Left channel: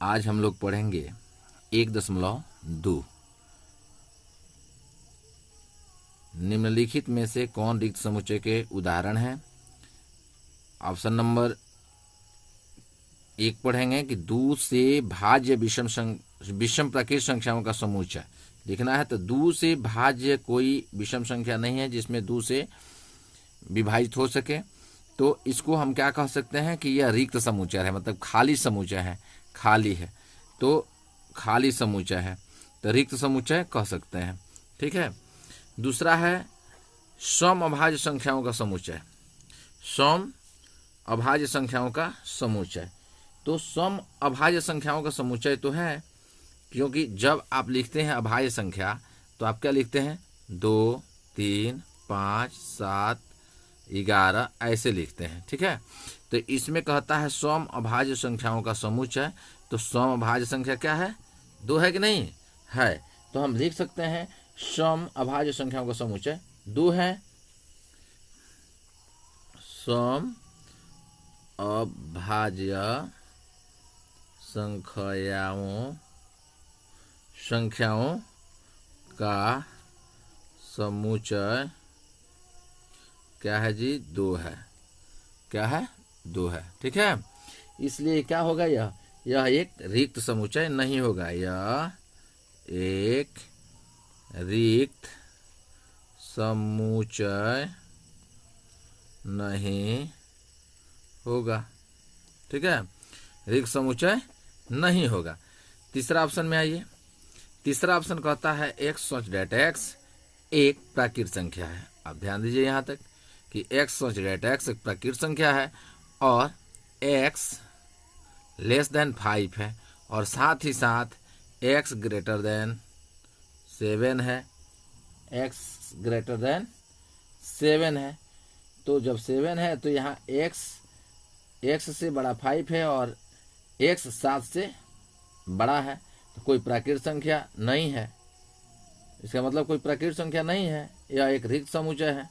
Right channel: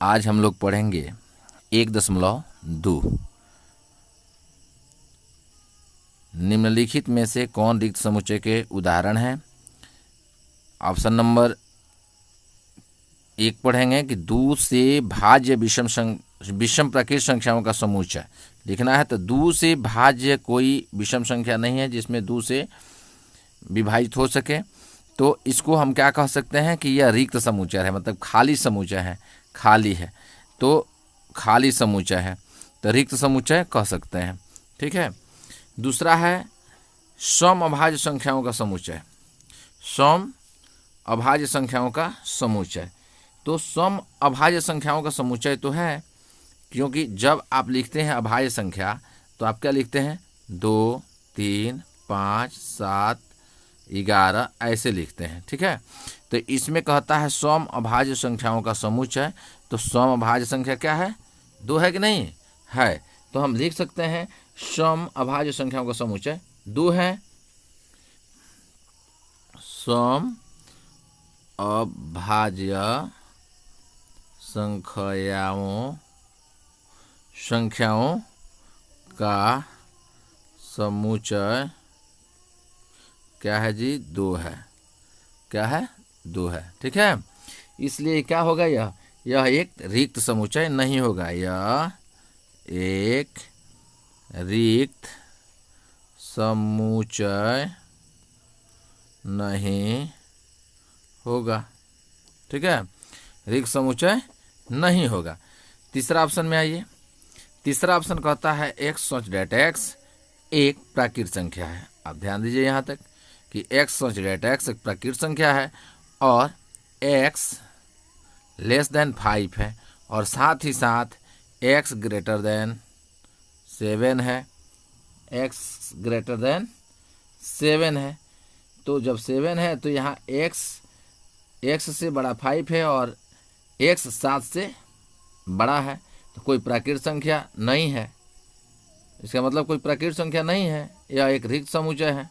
आज हम लोग पढ़ेंगे 1.2। निम्नलिखित में से कौन रिक्त समुच्चय के उदाहरण हैं? ऑप्शन नंबर 1 पढ़ेंगे कि 2 से भाज्य विषम प्राकृत संख्याओं का समुच्चय लिखना है। तो 2 से भाज्य कोई विषम संख्या नहीं है जिसमें 2 से विभाजित हो सके, तो इसको हम क्या कह सकते हैं कि यह रिक्त समुच्चय है, मतलब खाली समुच्चय है, खाली है तो खाली समुच्चय है, तो रिक्त समुच्चय कह सकते हैं। ठीक है। दूसरा है सम अभाज्य संख्याओं का समुच्चय। सम अभाज्य संख्याओं का समुच्चय, तो सम अभाज्य संख्याओं का समुच्चय तो है, क्योंकि जब आप लिखते हैं अभाज्य संख्या तो आप क्या लिखते हैं? 2, 3, 5, 7, 11 ऐसे लिखते हैं। ठीक है। तो इसमें कहता है सम अभाज्य संख्याओं का समुच्चय, तो सम अभाज्य संख्या क्या है? 2 है कि नहीं है? तो हम लिख सकते हैं सम अभाज्य संख्याओं का समुच्चय 2 है। सम अभाज्य संख्याओं का समुच्चय क्या है जी? 2 है। क्या है? 2 है। ठीक है। इसलिए क्या होगा? यह एक रिक्त समुच्चय नहीं होगा। यह एक रिक्त समुच्चय नहीं होगा। ठीक है। रिक्त समुच्चय नहीं होगा। तीसरा ऑप्शन में आइए। तीसरा ऑप्शन कहता है x सच डेट x एक प्राकृत संख्या है। आप ध्यान दीजिए यहाँ तक कि x सच डेट x एक प्राकृत संख्या है और x लेस देन 5 है और साथ ही साथ x ग्रेटर देन 7 है। x ग्रेटर देन 7 है, तो जब 7 है तो यहाँ x से बड़ा 5 है और x 7 से बड़ा है, तो कोई प्राकृत संख्या नहीं है। इसका मतलब कोई प्राकृत संख्या नहीं है, यह एक रिक्त समुच्चय है।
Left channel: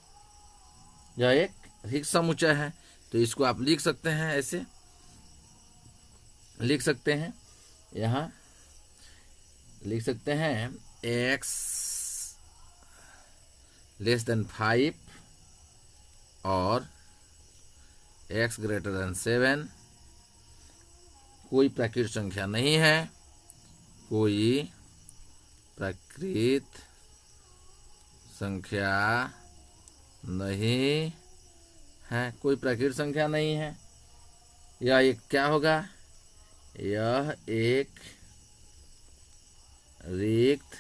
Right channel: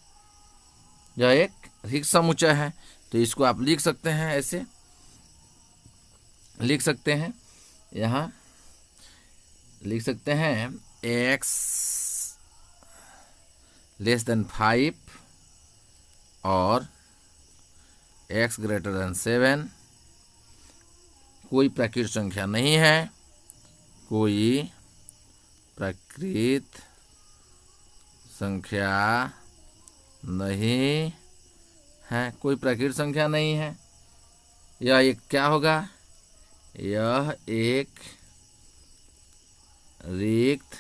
यह एक रिक्त समुच्चय है, तो इसको आप लिख सकते हैं, ऐसे लिख सकते हैं। यहाँ लिख सकते हैं x लेस देन 5 और x ग्रेटर देन 7 कोई प्राकृत संख्या नहीं है। कोई प्राकृत संख्या नहीं है। कोई प्राकृत संख्या नहीं है। यह एक क्या होगा? यह एक रिक्त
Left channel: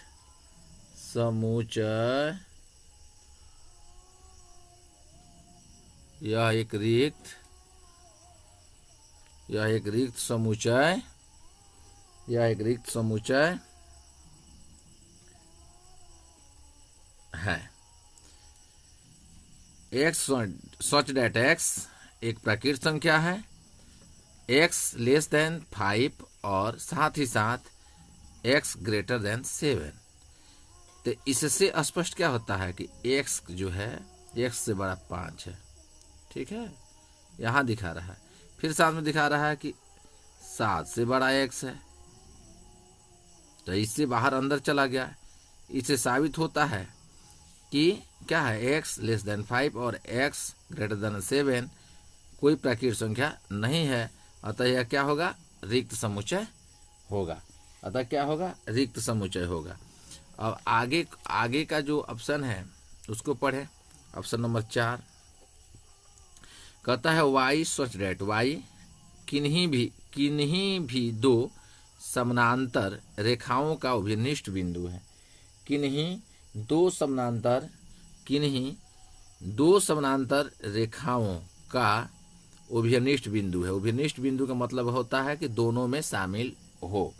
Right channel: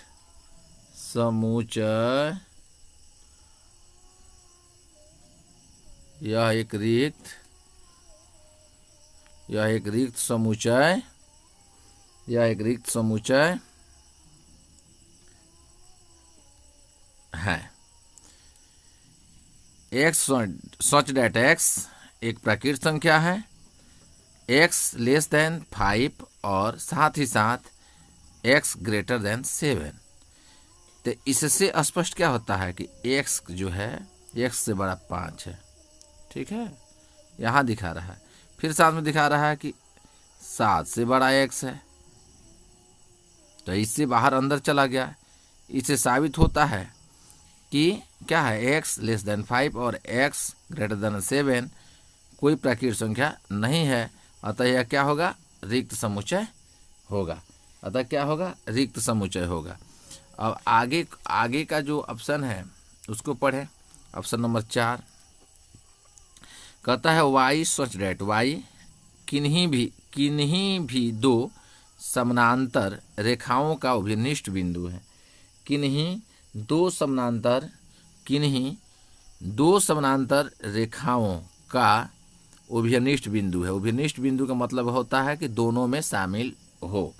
समुच्चय, यह एक रिक्त समुच्चय है। x सच डेट x एक प्राकृत संख्या है, x लेस देन 5 और साथ ही साथ x ग्रेटर देन 7। तो इससे स्पष्ट क्या होता है कि x जो है x से बड़ा 5 है। ठीक है। यहाँ दिखा रहा है, फिर साथ में दिखा रहा है कि 7 से बड़ा x है, तो इससे बाहर अंदर चला गया। इससे साबित होता है कि क्या है? x लेस देन 5 और x ग्रेटर देन 7 कोई प्राकृत संख्या नहीं है, अतः यह क्या होगा? रिक्त समुच्चय होगा। अतः क्या होगा? रिक्त समुच्चय होगा। अब आगे का जो ऑप्शन है उसको पढ़े। ऑप्शन नंबर 4 कहता है y सच डेट y किन्हीं भी 2 समानांतर रेखाओं का अभिनिष्ट बिंदु है। किन्हीं दो समानांतर रेखाओं का अभिनिष्ट बिंदु है। अभिनिष्ट बिंदु का मतलब होता है कि दोनों में शामिल हो।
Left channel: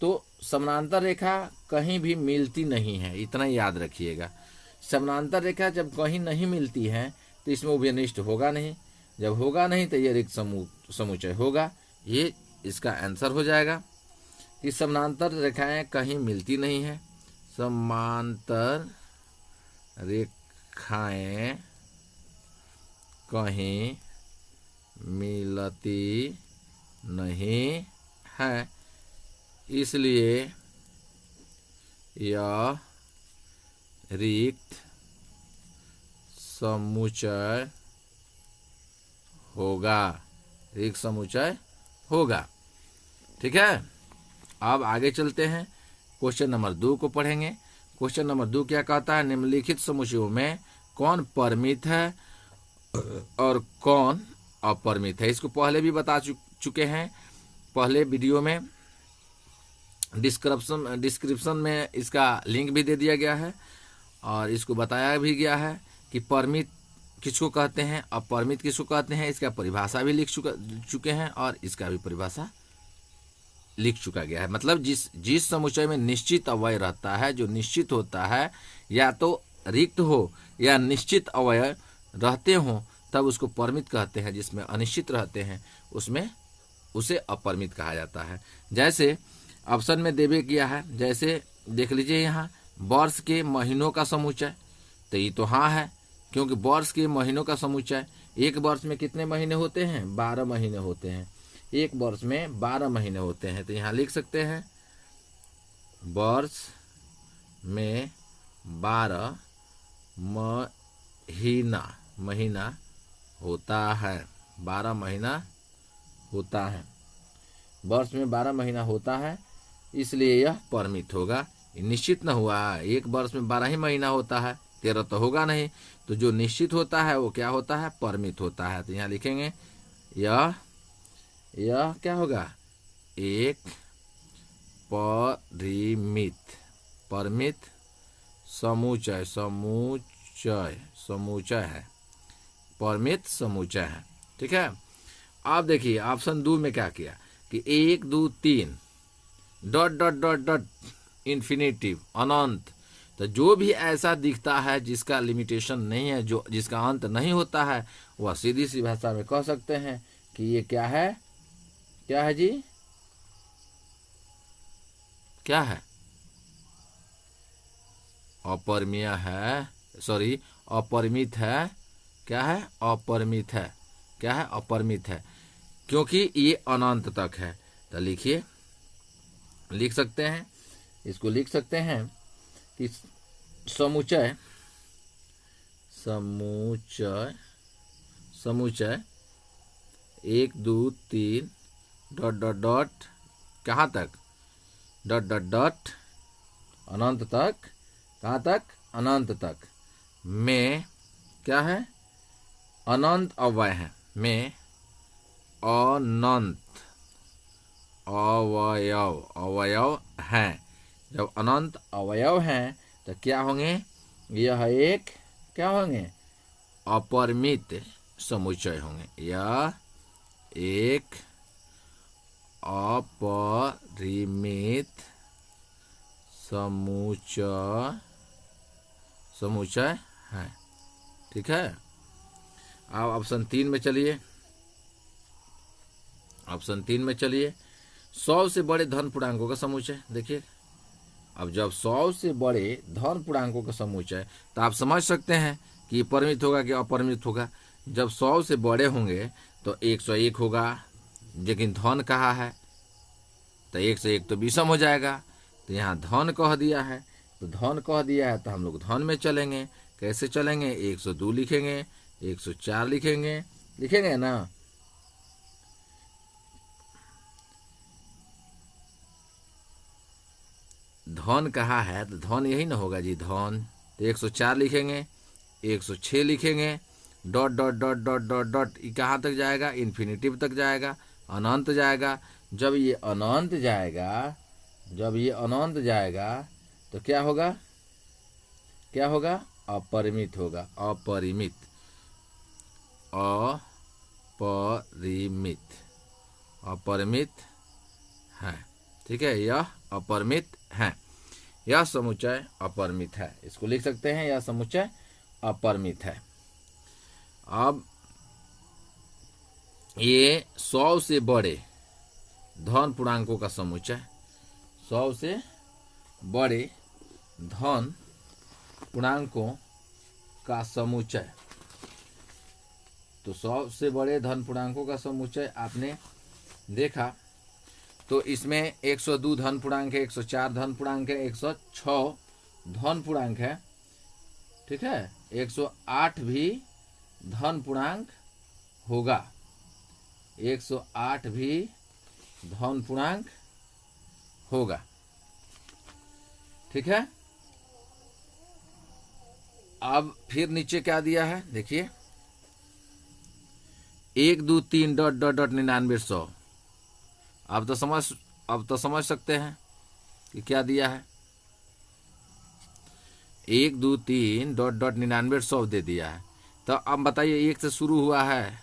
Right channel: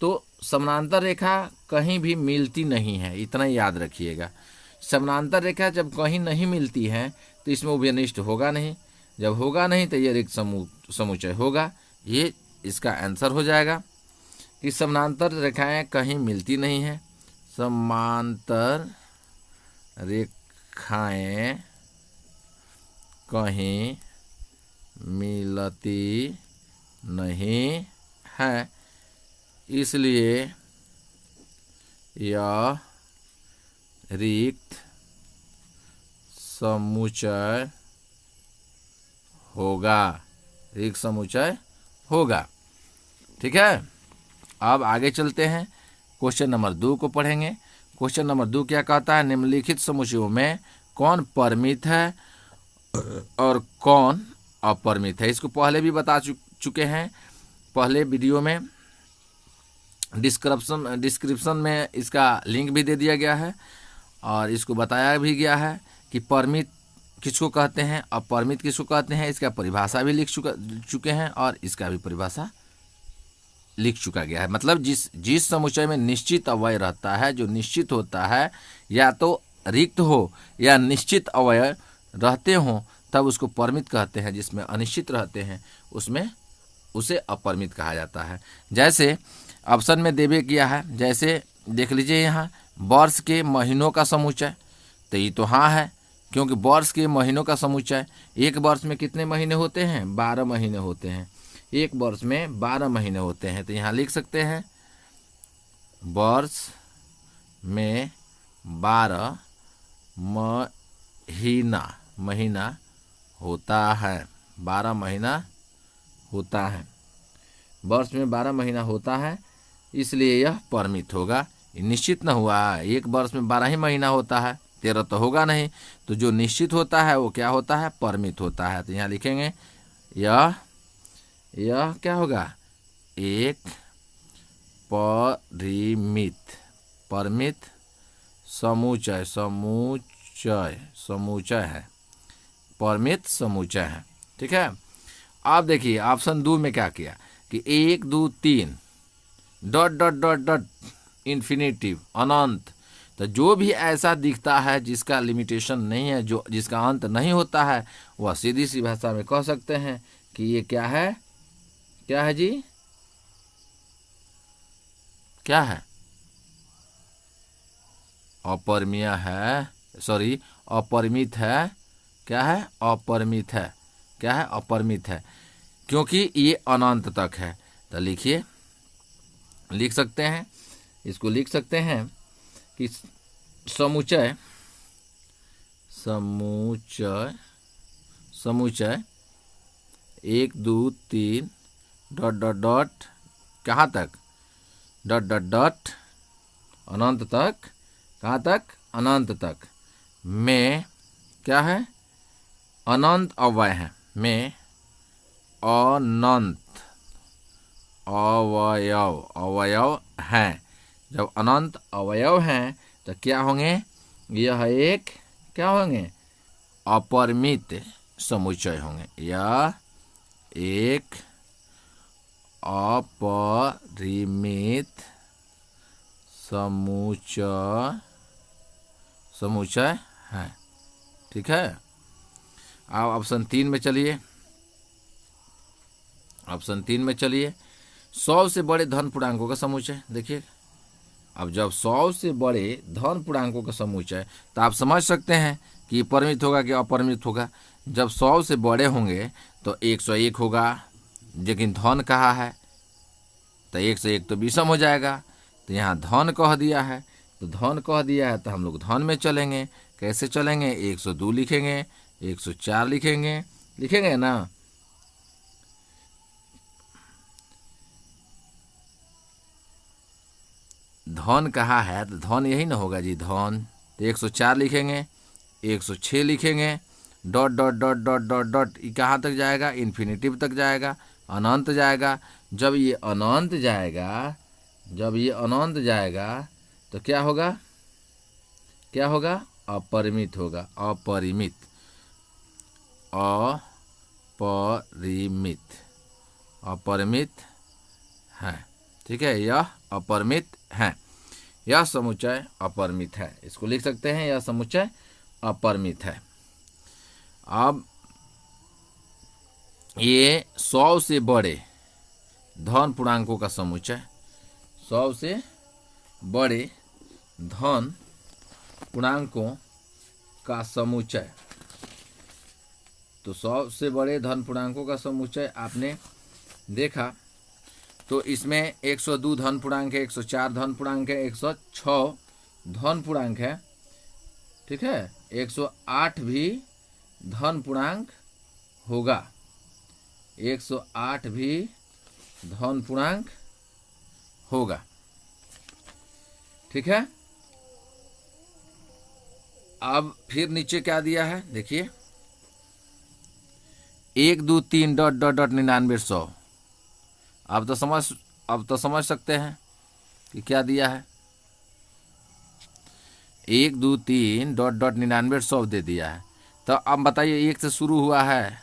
तो समानांतर रेखा कहीं भी मिलती नहीं है, इतना याद रखिएगा। समानांतर रेखा जब कहीं नहीं मिलती है तो इसमें अभिनिष्ट होगा नहीं। जब होगा नहीं तो ये रिक्त समुच्चय होगा। ये इसका आंसर हो जाएगा कि समानांतर रेखाएं कहीं मिलती नहीं हैं। समांतर रेखाएं कहीं मिलती नहीं है, इसलिए यह रिक्त समुच्चय होगा, रिक्त समुच्चय होगा। ठीक है, अब आगे चलते हैं, क्वेश्चन नंबर 2 को पढ़ेंगे। क्वेश्चन नंबर 2 क्या कहता है, निम्नलिखित समुच्चयों में कौन परिमित है और कौन अपरिमित है। इसको पहले भी बता चुके हैं, पहले वीडियो में डिस्क्रिप्शन में इसका लिंक भी दे दिया गया है और इसको बताया भी गया है कि परिमित किसको कहते हैं, अपरिमित किसको कहते हैं। इसका परिभाषा भी लिख चुके हैं और इसका भी परिभाषा लिख चुका गया है। मतलब जिस समुच्चय में निश्चित अवयव रहता है, जो निश्चित होता है, या तो रिक्त हो या निश्चित अवयव रहते हों, तब उसको परिमित कहते हैं। जिसमें अनिश्चित रहते हैं उसमें उसे अपरिमित कहा जाता है। जैसे ऑप्शन में देवे किया है, जैसे देख लीजिए यहाँ वर्ष के महीनों का समुच्चय, तो ये तो हाँ है, क्योंकि वर्ष के महीनों का समुच्चय, एक वर्ष में कितने महीने होते हैं, 12 महीने होते हैं। एक वर्ष में 12 महीने होते हैं, तो यहाँ लिख सकते हैं वर्ष में 12 महीना होता है, 12 महीना होता है, वर्ष में 12 महीना होता है, इसलिए यह परिमित होगा। निश्चित न हुआ, एक वर्ष में 12 ही महीना होता है, 13 तो होगा नहीं। तो जो निश्चित होता है वो क्या होता है, परिमित होता है। तो यहाँ लिखेंगे यह क्या होगा, एक परिमित समुच्चय है, परिमित समुच्चय है। ठीक है, आप देखिए ऑप्शन 2 में क्या किया कि 1 2 3 ... इन्फिनिटिव, अनंत। तो जो भी ऐसा दिखता है जिसका लिमिटेशन नहीं है, जो जिसका अंत नहीं होता है, वह सीधी सी भाषा में कह सकते हैं कि ये क्या है, क्या है जी, क्या है, अपरिमेय है, सॉरी अपरिमित है। क्या है, अपरिमित है। क्या है, अपरिमित है, क्योंकि ये अनंत तक है। तो लिखिए, लिख सकते हैं, इसको लिख सकते हैं कि समुच्चय 1 2 3 ... कहाँ तक, ... अनंत तक। कहाँ तक, अनंत तक में क्या है, अनंत अवयव है, में अनंत अवयव हैं। जब अनंत अवयव हैं तो क्या होंगे, यह एक क्या होंगे, अपरिमित समुच्चय होंगे। यह एक अपरिमित समुच्चय है। ठीक है, अब ऑप्शन 3 में चलिए। ऑप्शन 3 में चलिए, 100 से बड़े धन पूर्णांकों का समुच्चय। देखिए, अब जब 100 से बड़े धन पूर्णांकों का समुच्चय, तो आप समझ सकते हैं कि ये परिमित होगा कि अपरिमित होगा। जब 100 से बड़े होंगे तो 101 होगा, लेकिन धन कहा है तो 1 से 1 तो विषम हो जाएगा। तो यहाँ धन कह दिया है, तो धन कह दिया है तो हम लोग धन में चलेंगे। कैसे चलेंगे, 102 लिखेंगे, 104 लिखेंगे ना। धन कहा है तो धन यही ना होगा जी, धन। तो 104 लिखेंगे, 106 लिखेंगे, ... ये कहाँ तक जाएगा, इन्फिनिटिव तक जाएगा, अनंत जाएगा। जब ये अनंत जाएगा तो क्या होगा, क्या होगा, अपरिमित होगा। अपरिमित है। ठीक है, यह अपरिमित है, यह समुच्चय अपरिमित है। इसको लिख सकते हैं, यह समुच्चय अपरिमित है। अब ये 100 से बड़े धन पूर्णांकों का समुच्चय, 100 से बड़े धन पूर्णांकों का समुच्चय। तो 100 से बड़े धन पूर्णांकों का समुच्चय आपने देखा तो इसमें 102 धन पूर्णांक है, 104 धन पूर्णांक है, 106 धन पूर्णांक है, ठीक है, 108 भी धन पूर्णांक होगा, 108 भी धन पूर्णांक होगा, ठीक है। अब फिर नीचे क्या दिया है देखिए, 1 2 3 डॉट डॉट डॉट 99 100। अब तो समझ सकते हैं कि क्या दिया है। 1 2 3 डॉट डॉट 99 100 दे दिया है। तो अब बताइए, 1 से शुरू हुआ है,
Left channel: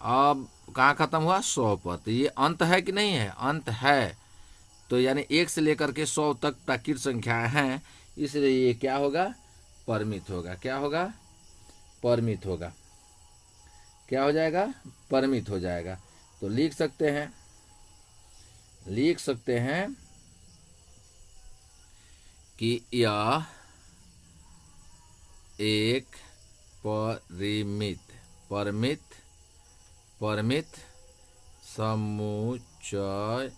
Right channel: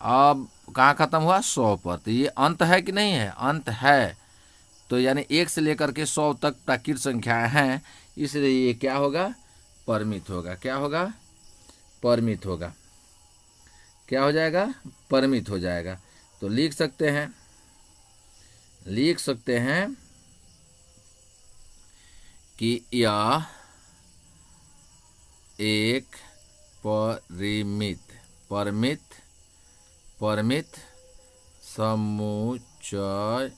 अब कहाँ खत्म हुआ, 100 पर। तो ये अंत है कि नहीं है, अंत है। तो यानी 1 से लेकर के 100 तक प्राकृत संख्याएं हैं, इसलिए ये क्या होगा, परिमित होगा। क्या होगा, परिमित होगा। क्या हो जाएगा, परिमित हो जाएगा। तो लिख सकते हैं कि यह एक परिमित समुच्चय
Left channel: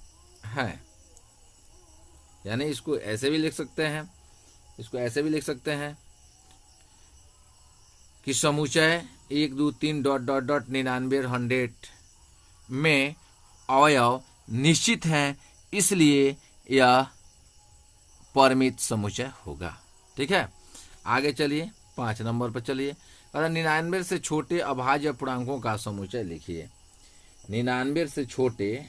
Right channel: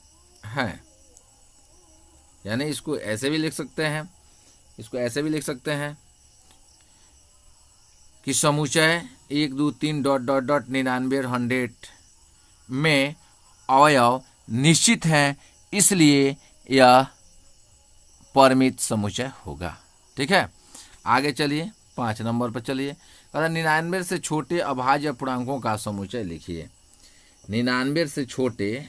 है। यानी इसको ऐसे भी लिख सकते हैं, कि समुच्चय 1 2 3 डॉट डॉट डॉट 99 100 में अवयव निश्चित हैं, इसलिए यह परिमित समुच्चय होगा। ठीक है, आगे चलिए 5 नंबर पर चलिए। 99 से छोटे अभाज्य पूर्णांकों का समुच्चय लिखिए। 99 से छोटे,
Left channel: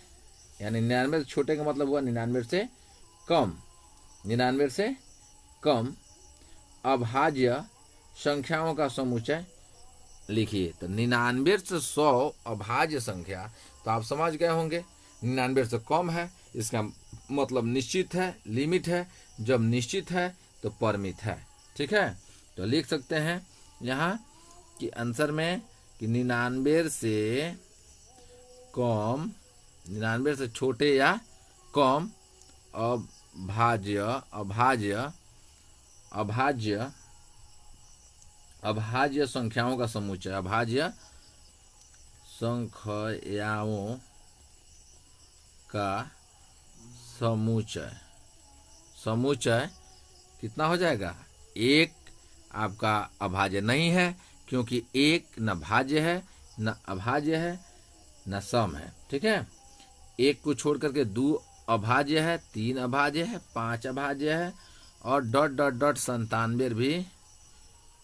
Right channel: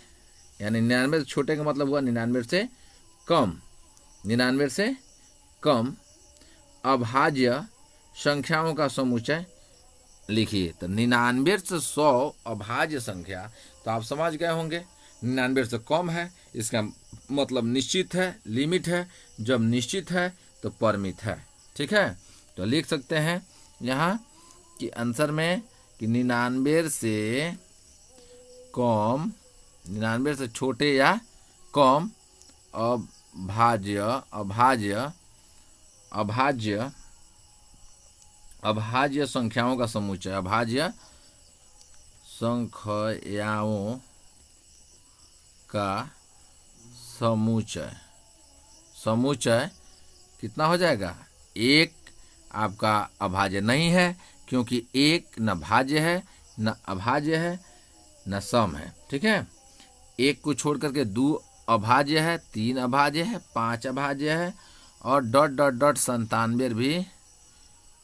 यानी 99 से छोटे का मतलब हुआ 99 से कम अभाज्य संख्याओं का समुच्चय लिखिए। तो 99 से 100 अभाज्य संख्या, तो आप समझ गए होंगे 99 से कम है, इसका मतलब निश्चित है, लिमिट है। जब निश्चित है तो परिमित है। ठीक है, तो लिख सकते हैं यहाँ कि आंसर में कि 99 से कम, 99 से छोटे या कम अभाज्य संख्याओं का समुच्चय, अभाज्य संख्याओं का समुच्चय कितना हो जाएगा, 1 आपका अभाज्य नहीं है, क्योंकि 1 न भाज्य है, न अभाज्य है, न सम है। ठीक है, 1 को छोड़ करके 2 अभाज्य है, 3 अभाज्य है, 5 अभाज्य है, और डॉट डॉट डॉट 97 भी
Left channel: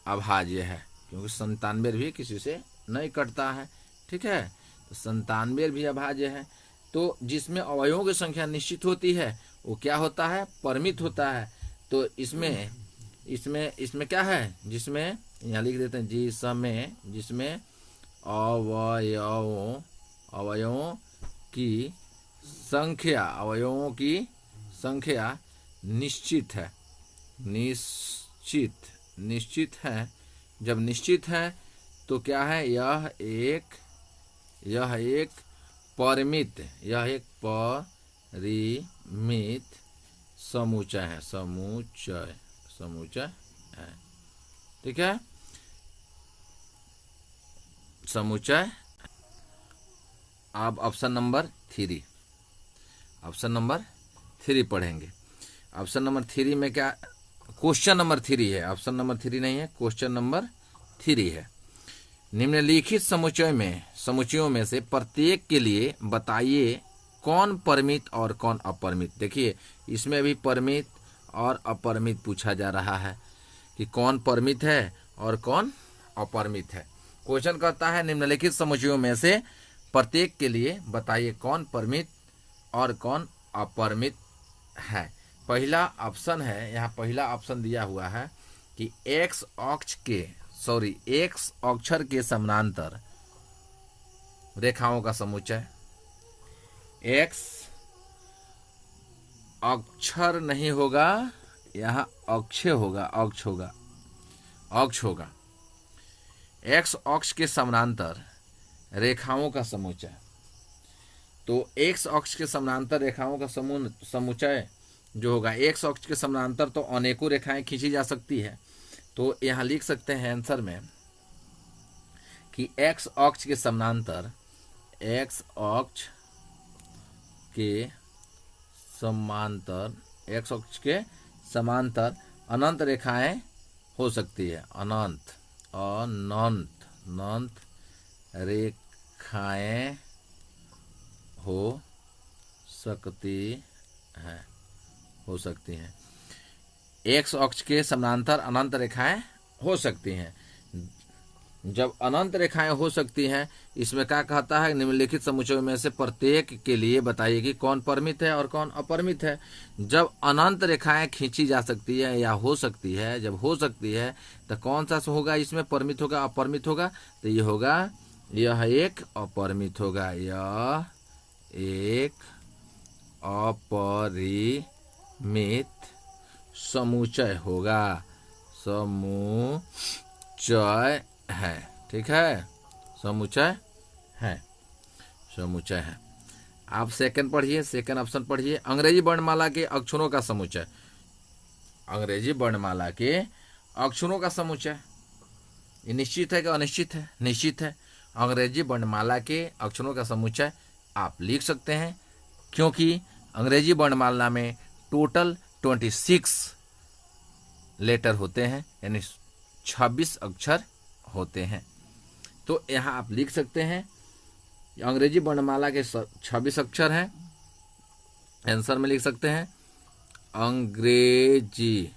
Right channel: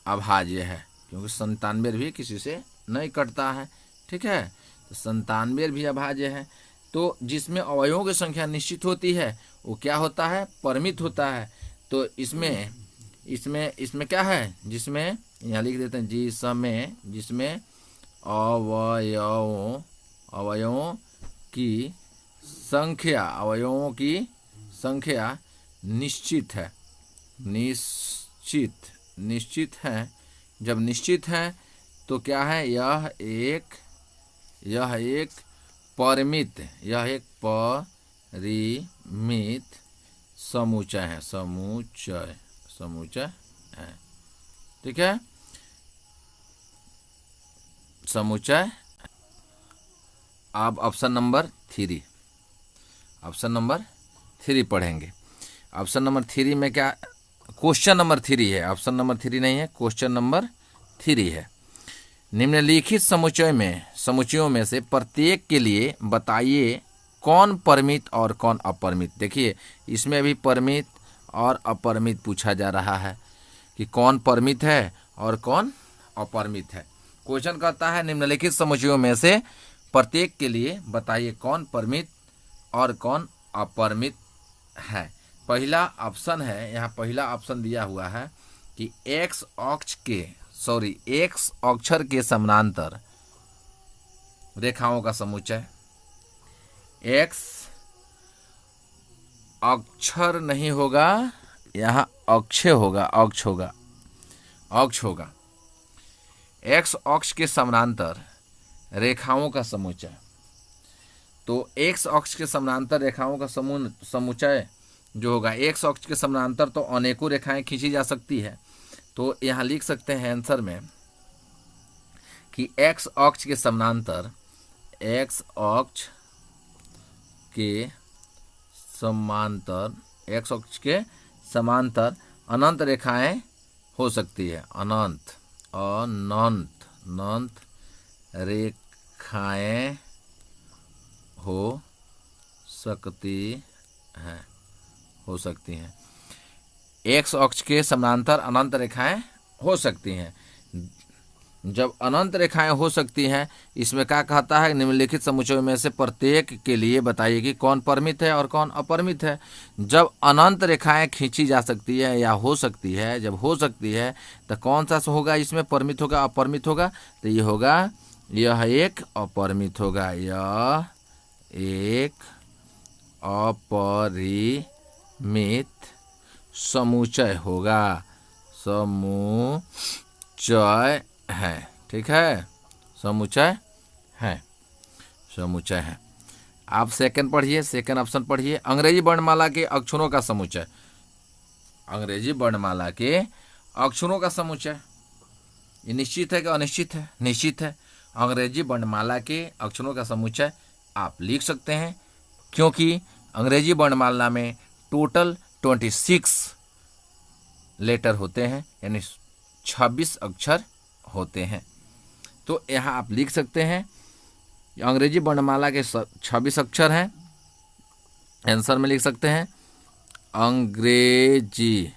अभाज्य है, क्योंकि 97 भी किसी से नहीं कटता है। ठीक है, तो 97 भी अभाज्य है। तो जिसमें अवयवों की संख्या निश्चित होती है वो क्या होता है, परिमित होता है। तो इसमें क्या है, जिसमें यहाँ लिख देते हैं, जिसमें अवयवों की संख्या निश्चित है। जब निश्चित है तो क्या है, यह एक परिमित समुच्चय है। ठीक है, समुच्चय। अब ऑप्शन नंबर 3 पढ़ेंगे। ऑप्शन नंबर 3 में क्या, क्वेश्चन नंबर 3 है, ऑप्शन नंबर 3 नहीं है, क्वेश्चन नंबर 3 है। निम्नलिखित समुच्चयों में से प्रत्येक के लिए बताइए कौन परिमित और कौन अपरिमित। देखिए, इसमें भी परिमित और अपरिमित पूछा जा रहा है कि कौन परिमित है और कौन अपरिमित है। क्वेश्चन कहता है निम्नलिखित समुच्चयों में से प्रत्येक के लिए बताइए कौन परिमित और कौन अपरिमित है। पहला ऑप्शन है, यहाँ पहला ऑप्शन दिया हुआ है कि एक्स अक्षर के समानांतर रेखाओं का समुच्चय। एक्स अक्षर नहीं होगा, यहाँ अक्ष होगा। एक्स अक्ष के समानांतर रेखाओं का समुच्चय। तो एक्स अक्ष के समानांतर रेखाओं का समुच्चय जो होगा, एक्स अक्ष के समानांतर तो अनेकों रेखाएं खींची जा सकती है। तो यहाँ लिख सकते हैं आंसर में कि एक्स अक्ष के समानांतर समांतर, एक्स अक्ष के समांतर अनंत रेखाएं हो सकती है। अनंत रेखाएं हो सकती हैं। एक्स अक्ष के समांतर अनंत रेखाएं हो सकती हैं। जब अनंत रेखाएं हो सकती हैं, इसमें क्या कहता है, निम्नलिखित समुच्चयों में से प्रत्येक के लिए बताइए कि कौन परिमित है और कौन अपरिमित है। जब अनंत रेखाएं खींची जा सकती है या हो सकती है, जब हो सकती है तो कौन सा होगा इसमें, परिमित होगा अपरिमित होगा? तो ये होगा, यह एक अपरिमित होगा, यह एक अपरिमित समुच्चय होगा, समुच्चय है। ठीक है, समुच्चय है। आप सेकंड पढ़िए, सेकंड ऑप्शन पढ़िए। अंग्रेजी वर्णमाला के अक्षरों का समुच्चय। अंग्रेजी वर्णमाला के अक्षरों का समुच्चय, ये निश्चित है कि अनिश्चित है? निश्चित है। अंग्रेजी वर्णमाला के अक्षरों का समुच्चय आप लिख सकते हैं, क्योंकि अंग्रेजी वर्णमाला में टोटल 26 लेटर होते हैं, यानी 26 अक्षर होते हैं। तो यहाँ आप लिख सकते हैं अंग्रेजी वर्णमाला के 26 अक्षर हैं। आंसर में लिख सकते हैं अंग्रेजी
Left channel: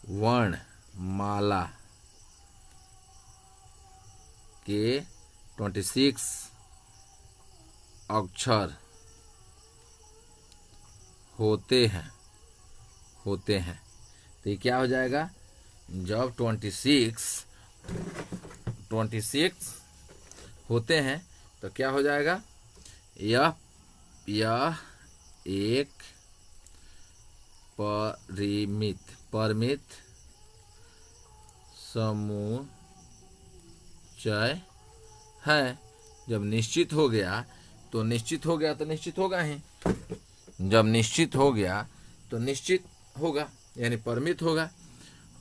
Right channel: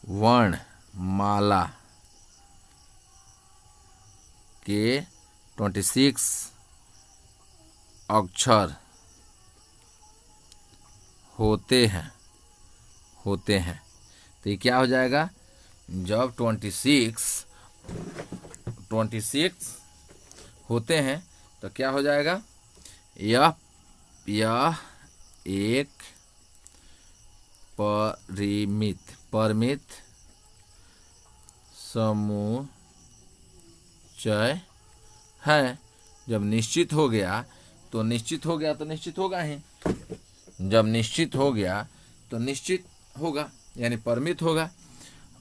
वर्णमाला के 26 अक्षर होते हैं। तो ये क्या हो जाएगा, जब 26 होते हैं तो क्या हो जाएगा, यह एक परिमित समुच्चय है। जब निश्चित हो गया तो निश्चित होगा ही। जब निश्चित हो गया तो निश्चित होगा, यानी परिमित होगा।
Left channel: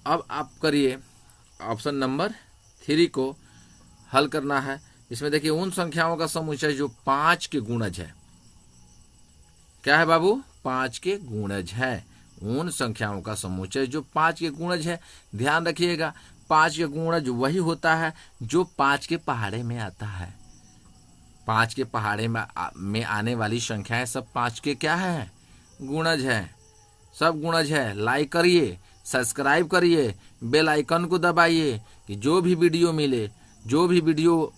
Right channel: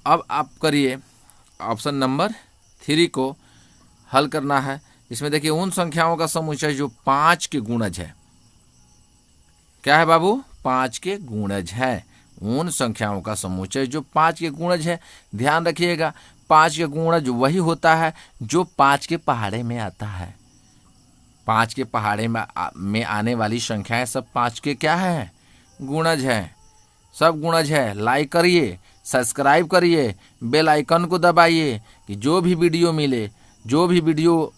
अब आप करिए ऑप्शन नंबर 3 को हल करना है। इसमें देखिए उन संख्याओं का समुच्चय जो 5 के गुणज है। क्या है बाबू? 5 के गुणज है। उन संख्याओं का समुच्चय जो 5 के गुणज है। ध्यान रखिएगा, 5 के गुणज वही होता है जो 5 के पहाड़े में आता है। 5 के पहाड़े में आने वाली संख्याएं सब 5 के क्या है? गुणज है। सब गुणज है। लाइक करिए, सब्सक्राइब करिए, बेल आइकन को दबाइए कि जो भी वीडियो मिले, जो भी वीडियो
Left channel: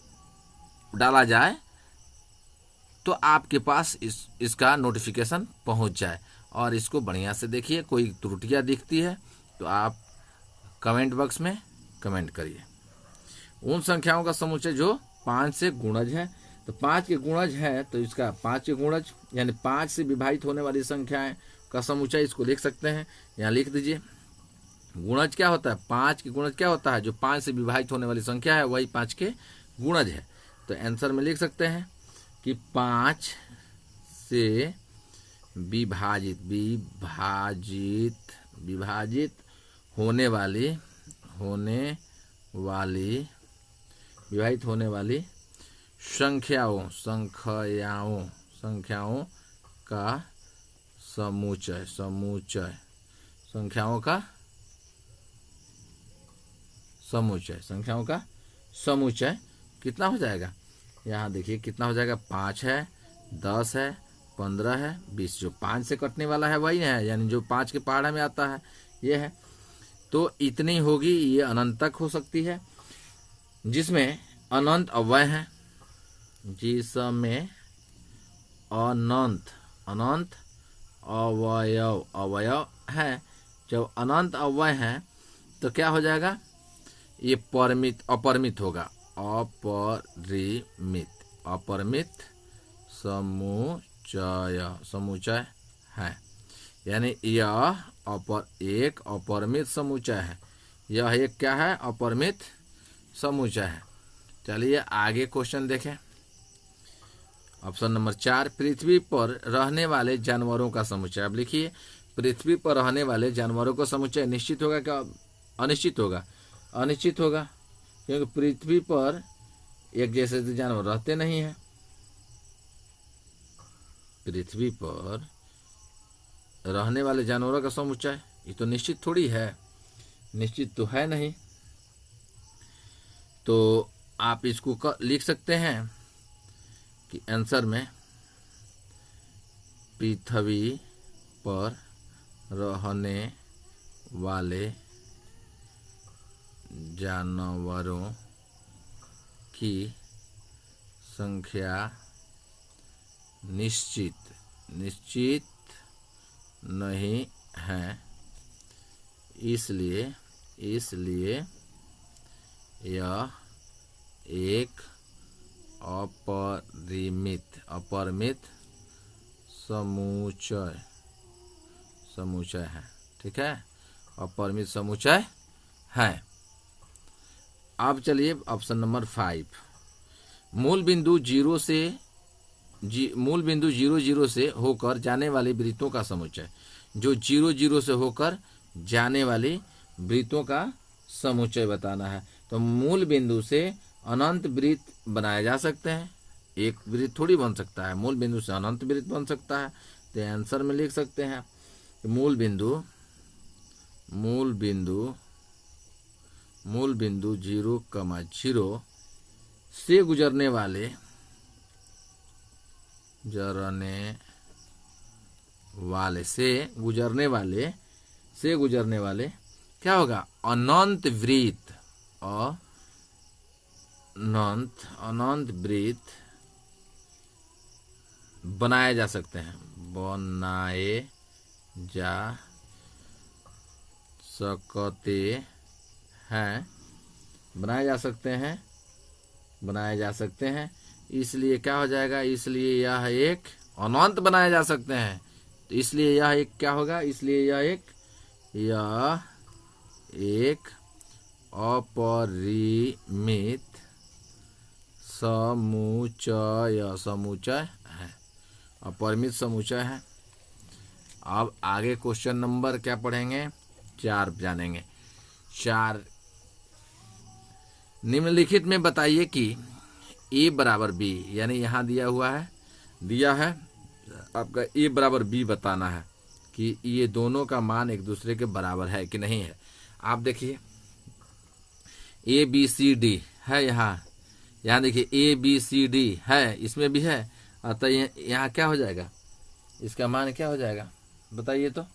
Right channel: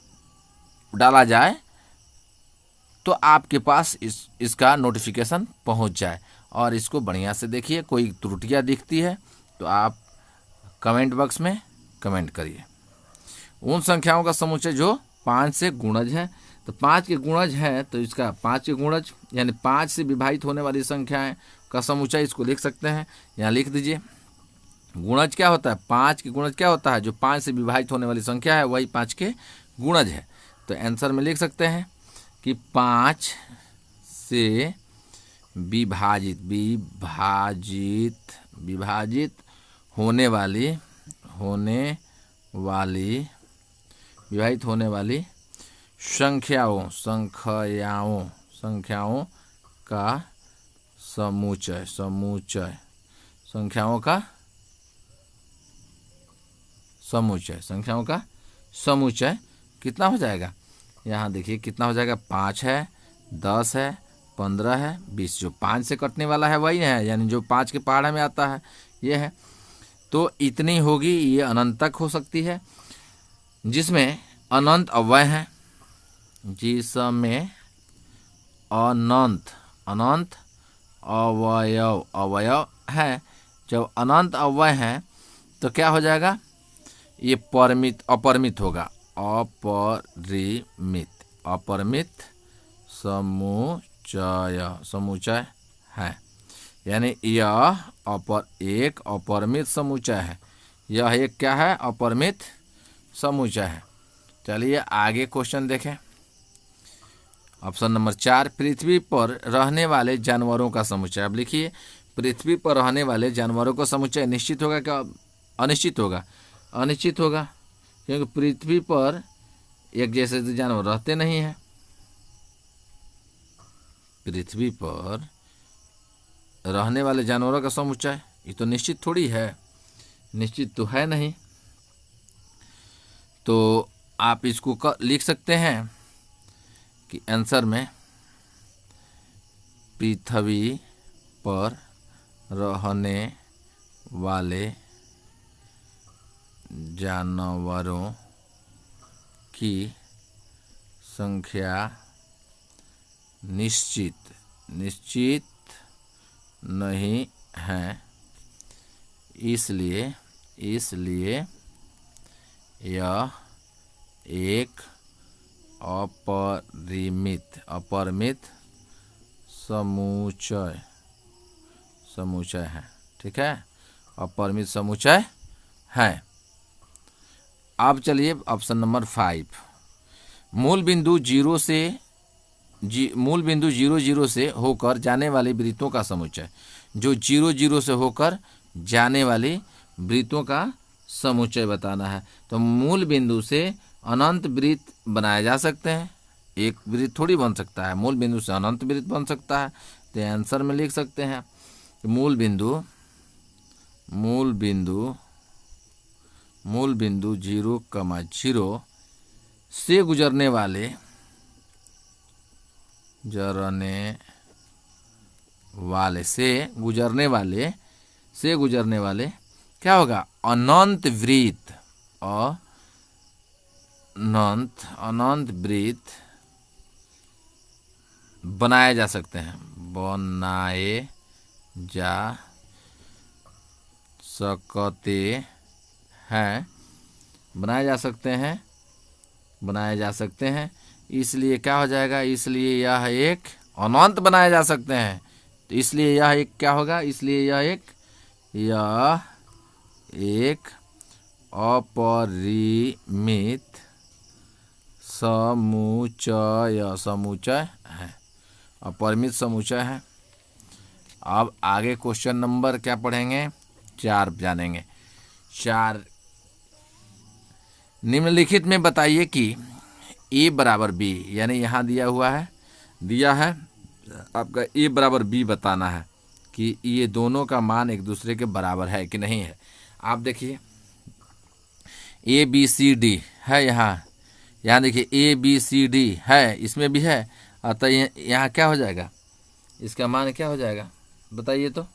डाला जाए तो आपके पास इसका नोटिफिकेशन पहुंच जाए। और इसको बढ़िया से देखिए, कोई त्रुटियां दिखती है तो आप कमेंट बॉक्स में कमेंट करिए। उन संख्याओं का समुच्चय जो 5 से गुणज है। तो 5 के गुणज है तो इसका 5 के गुणज यानी 5 से विभाजित होने वाली संख्याएं का समुच्चय, इसको लिख सकते हैं। यहाँ लिख दीजिए, गुणज क्या होता है? 5 के गुणज क्या होता है? जो 5 से विभाजित होने वाली संख्या है वही 5 के गुणज है। तो आंसर में लिख सकते हैं कि 5 से विभाजित होने वाली संख्याओं का समुच्चय संख्याओं का समुच्चय कितना हो जाएगा? यहाँ देखिए कितना हो जाएगा। 5 है, 10 है, 15 है, 20। जो 5 से कटने वाला है वही है, यानी जो 5 के पहाड़े में आता है ये है। तो इतनी होगी, ये अनंत तक हो सकती है, जिसमें अनंत अव्यय है, जिसमें अनंत अवयव है। जब अनंत अव्यय है तो क्या हो जाएगा? ये अपरिमित होगा। अपरिमित समुच्चय है, यानी यह एक अपरिमित समुच्चय है। यह एक क्या है? अपरिमित समुच्चय है। चलिए आगे क्वेश्चन देखें। ऑप्शन नंबर 4, पृथ्वी पर रहने वाले जानवरों का समुच्चय। अब लिखिए, पृथ्वी पर रहने वाले जानवरों का समुच्चय निश्चित होगा क्या अनिश्चित होगा? अनिश्चित होगा, क्योंकि पृथ्वी पर एक जैसे जानवर रहते नहीं हैं। पृथ्वी पर रहने वाले जानवरों का समुच्चय। ये तो निश्चित थोड़ी है, निश्चित तो है नहीं। तो आप इसको लिख सकते हैं कि आंसर में पृथ्वी पर रहने वाले जानवरों की संख्या निश्चित नहीं है, इसलिए यह एक अपरिमित समुच्चय है। ठीक है, अपरिमित समुच्चय है। अब चलिए ऑप्शन नंबर 5, मूल बिंदु 0 से होकर जाने वाली वृत्तों का समुच्चय। जो 0 से होकर जाने वाली वृत्तों का समुच्चय बताना है। तो मूल बिंदु से अनंत वृत्त बनाए जा सकते हैं, एक वृत्त थोड़ी बन सकता है, मूल बिंदु से अनंत वृत्त बन सकता है। तो आंसर में लिख सकते हैं मूल बिंदु 0,0 से गुजरने वाले क्या होगा, अनंत वृत्त बनाए जा सकते हैं, बनाए जा सकते हैं। इसलिए क्या हो जाएगा, इसलिए यह एक अनंत बनाए जा सकते हैं। तो इसलिए यह एक क्या होगा, इसलिए यह एक अपरिमित समुच्चय है, अपरिमित समुच्चय है। अब आगे क्वेश्चन नंबर क्या पढ़ेंगे, 4 जानेंगे। 4, निम्नलिखित में बताइए कि A बराबर B, यानी यहाँ दिया है आपका A बराबर B बताना है कि ये दोनों का मान एक दूसरे के बराबर है कि नहीं है। आप देखिए ABCD है, यहाँ देखिए ABCD है, इसमें भी है। अतः यहाँ क्या हो जाएगा, इसका मान क्या हो जाएगा बताइए तो,